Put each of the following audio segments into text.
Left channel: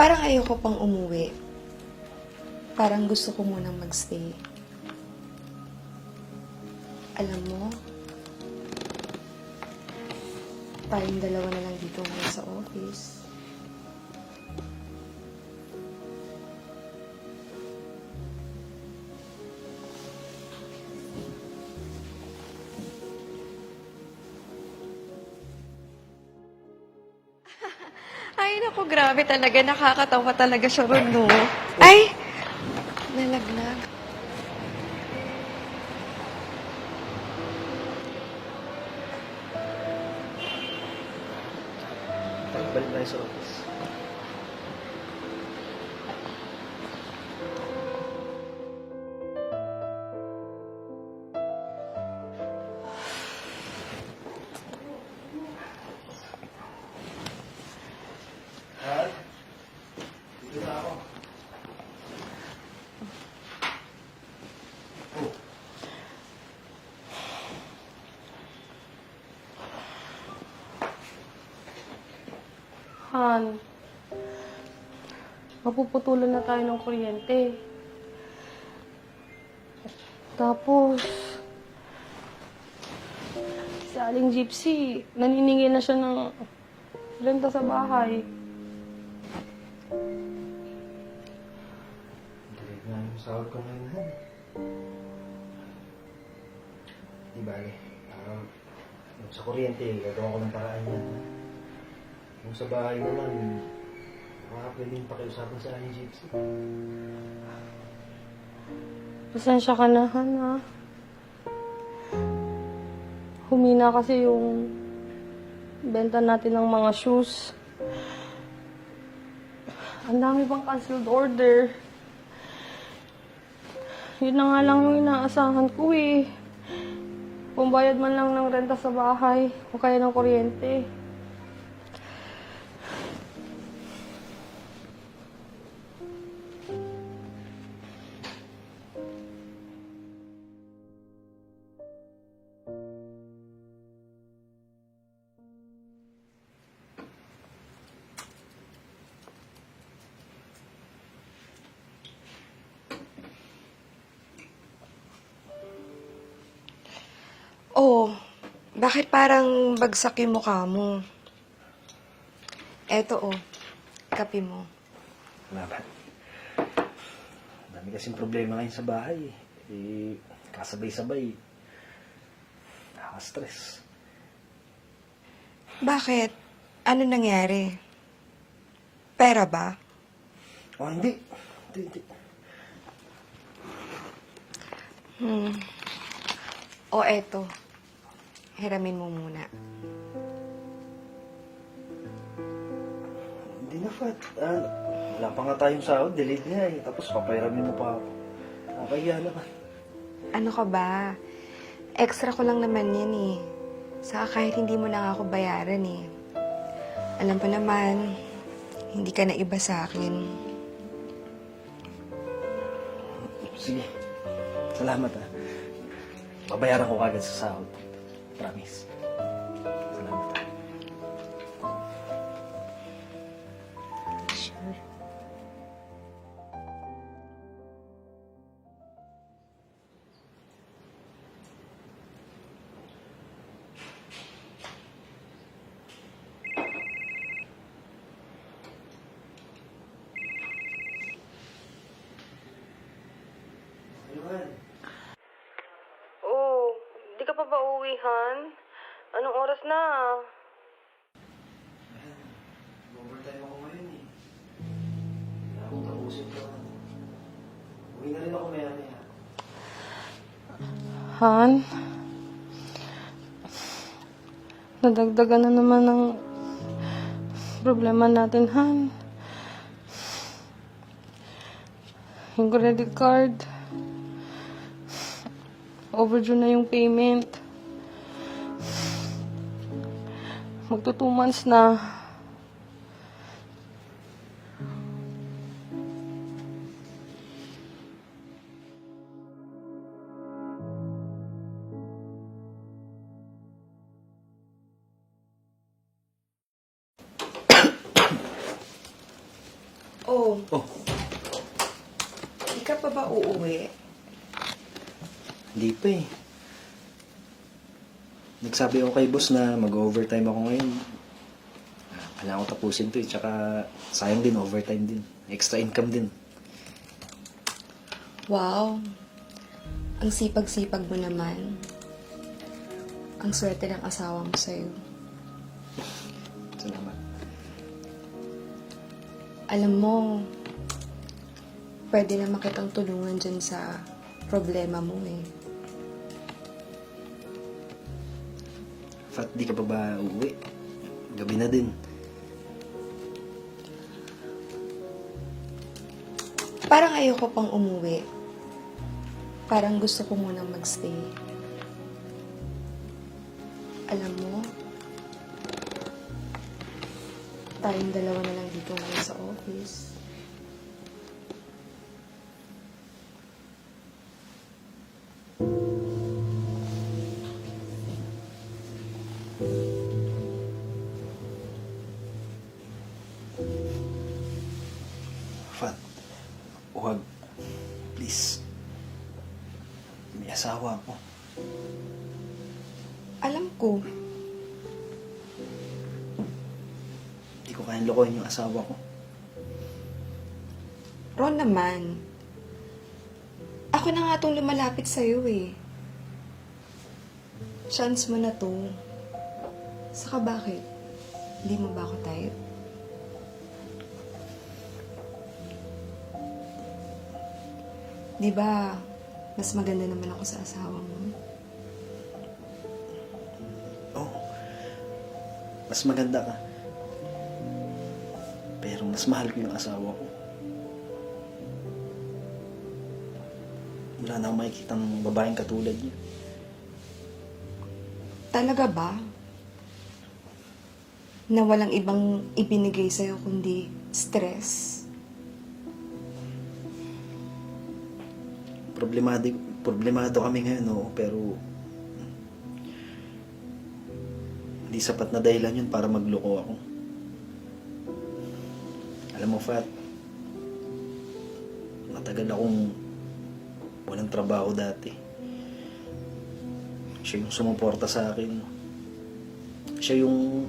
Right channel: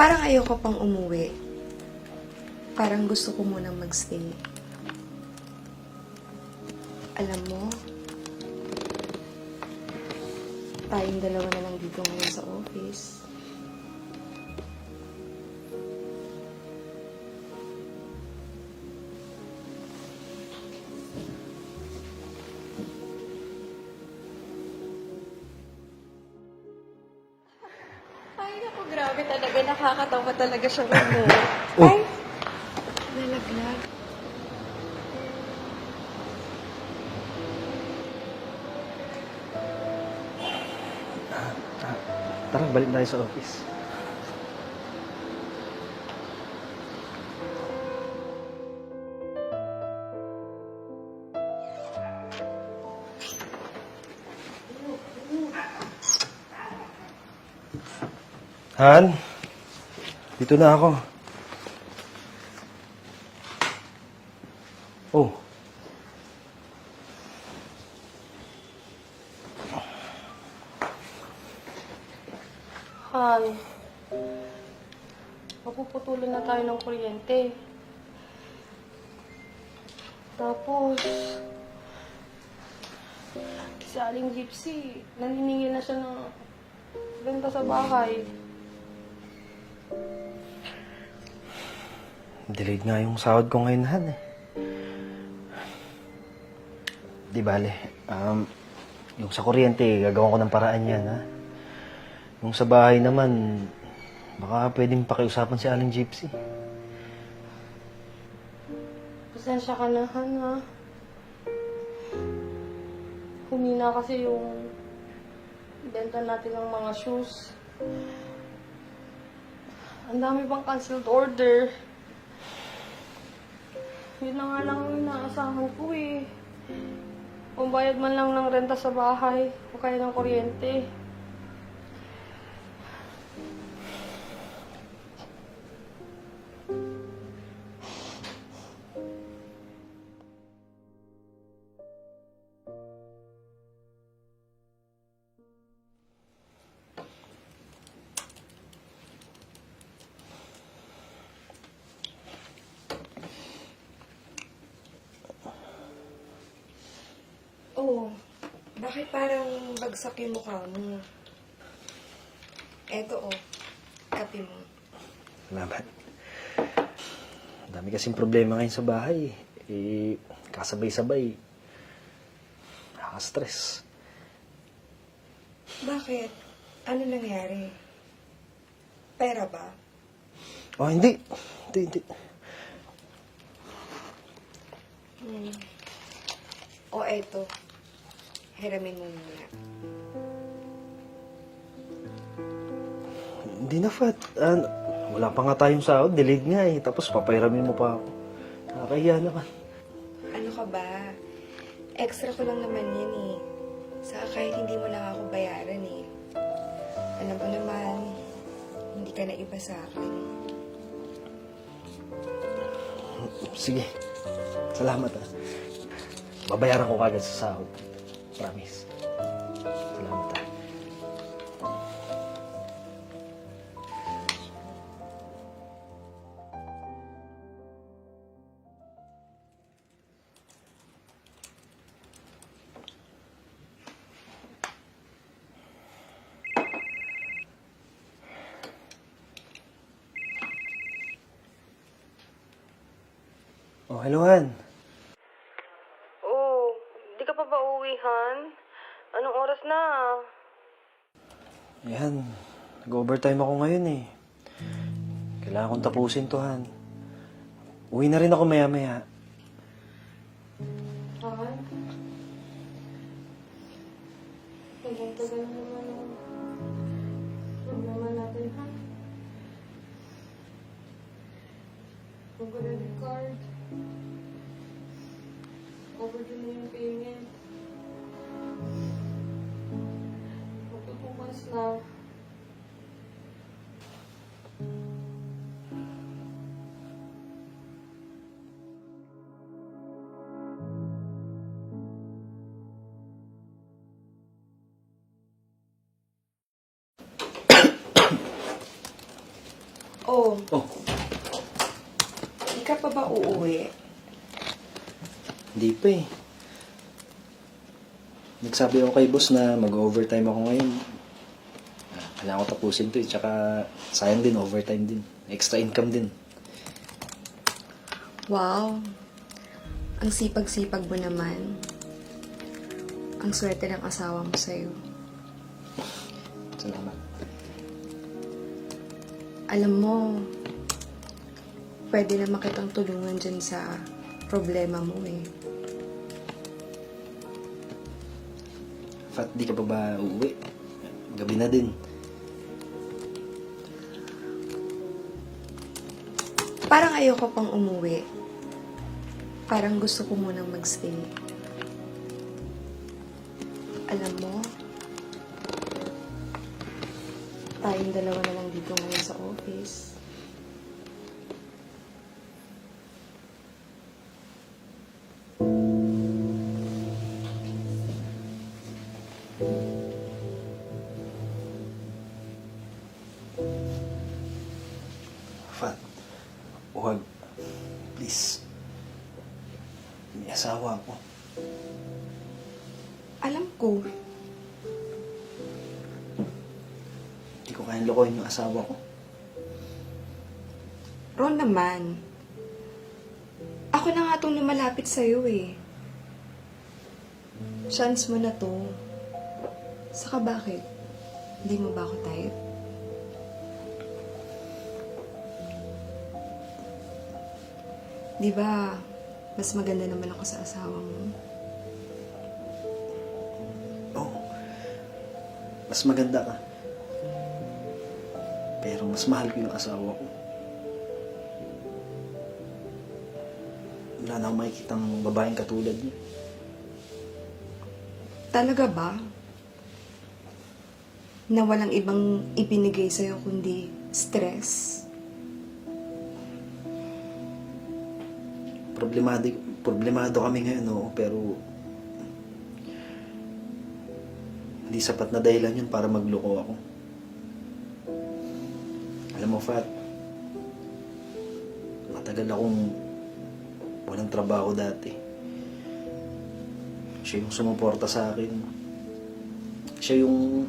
Parang ayoko pang umuwi. Parang gusto ko munang magstay. Alam mo, tayong dalawa na lang dito ngayon sa office. Ay, naku, grabe talaga. Nakakatawa talaga siya ron, no? Ay! Nalaglag. Tara, balik tayo sa office. Han, dito na ako. Oh, Han, mapuputulan na tayo ng kuryente. Tapos, si Aling Gypsy, naniningil na siya ng renta sa bahay. delayed nga yung sahod ko ngayon, Han. Di bale, yung sa kuryente, gagawin ko ng paraan yan, ha? Yung sa bahay naman, baka pwedeng pakiusapan si Aling Gypsy. Pasensya ka na, Han, ha? Humina kasi yung benta natin ng mga shoes. Ang dami bang canceled order. Yun na nga lang yung inaasahan ko eh. Pambayad man lang ng renta sa bahay o kaya ng kuryente. Oh, bakit parang bagsak yung mukha mo? Eto oh, kape mo. Salamat. Ang dami kasing problema ngayon sa bahay. Kasabay-sabay. Nakaka-stress. Bakit? Ano nangyari? Pera ba? Oh, hindi. Hindi. O eto, hiramin mo muna. Hindi na, Fat. Wala pa nga tayong sahod. Delayed nga eh. Tapos papahiramin mo pa ako. Nakakahiya naman. Ano ka ba? Extra ko lang naman yan eh. Saka kahit hindi mo lang ako bayaran eh. Alam pa naman, hindi ka na iba sa akin. Sige. Salamat, ha. Babayaran ko kagad sa sahod. Promise. Salamat, ha. Oh, hello, Han. Oh, di ka pa ba uwi, Han? Anong oras na? Yan. Nag-overtime ako ngayon eh. Kailangan kong tapusin to, Han. Uwi na rin ako maya-maya. Han? Nadagdagan na naman ng problema natin, Han. Yung credit card. Overdue na yung payment. Magto 2 months na. Oh, Oh, di ka pa ba uuwi? hindi pa eh. Nagsabi ako kay boss na mag-overtime ako ngayon. Kailangan ko tapusin to eh. Tsaka sayang din, overtime din. Extra income din. Wow. Ang sipag-sipag mo naman. Ang swerte ng asawa mo sa'yo. Salamat. Alam mo, pwede naman kitang tulungan dyan sa problema mo eh. Fat, di ka pa ba uuwi? Gabi na din. Parang ayoko pang umuwi. Parang gusto ko munang magstay. Alam mo, tayong dalawa na lang dito ngayon sa office. Fat, huwag. Please. May asawa ako. Alam ko, Hindi ko kayang lokohin yung asawa ko. Ron naman. Ako na nga itong lumalapit sa'yo eh. Chance mo na to. Saka bakit? Hindi mo ba ako type? Di ba, mas maganda naman ako sa asawa mo? Oo. Mas maganda ka. Pero mas mahal ko yung asawa ko. Wala na akong makikitang babaeng katulad niya. Talaga ba? Na walang ibang ibinigay sa'yo kundi stress? Problemado kami ngayon, oo, pero hindi sapat na dahilan yun para magloko ako. Alam mo, Fat, matagal akong walang trabaho dati. Siya yung sumuporta sa akin. Siya yung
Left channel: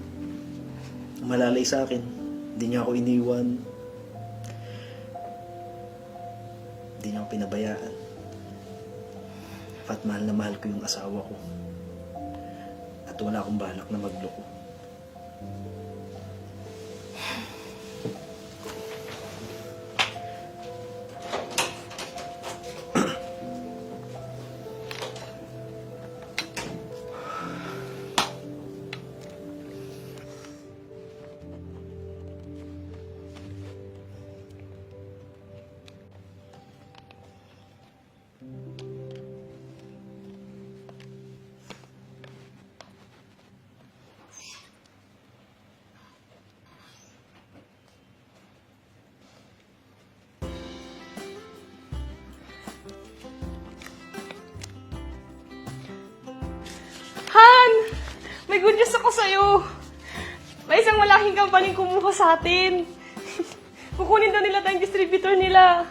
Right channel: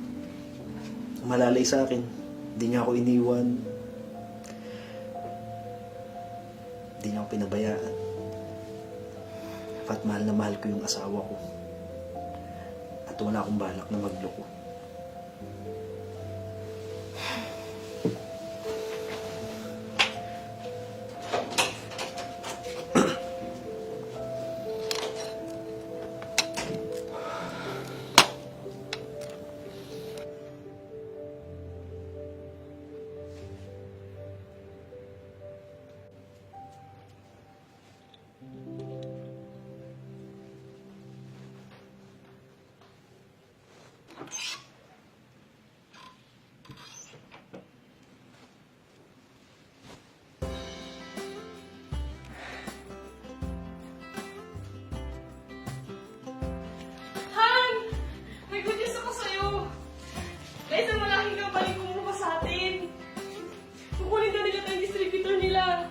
malalay sa akin. Hindi niya ako iniwan. Hindi niya ako pinabayaan. Fat, mahal na mahal ko yung asawa ko. At wala akong balak na magloko. Han! May good news ako sa'yo. May isang malaking kampaning kumuha sa atin. Kukunin daw nila tayong distributor nila.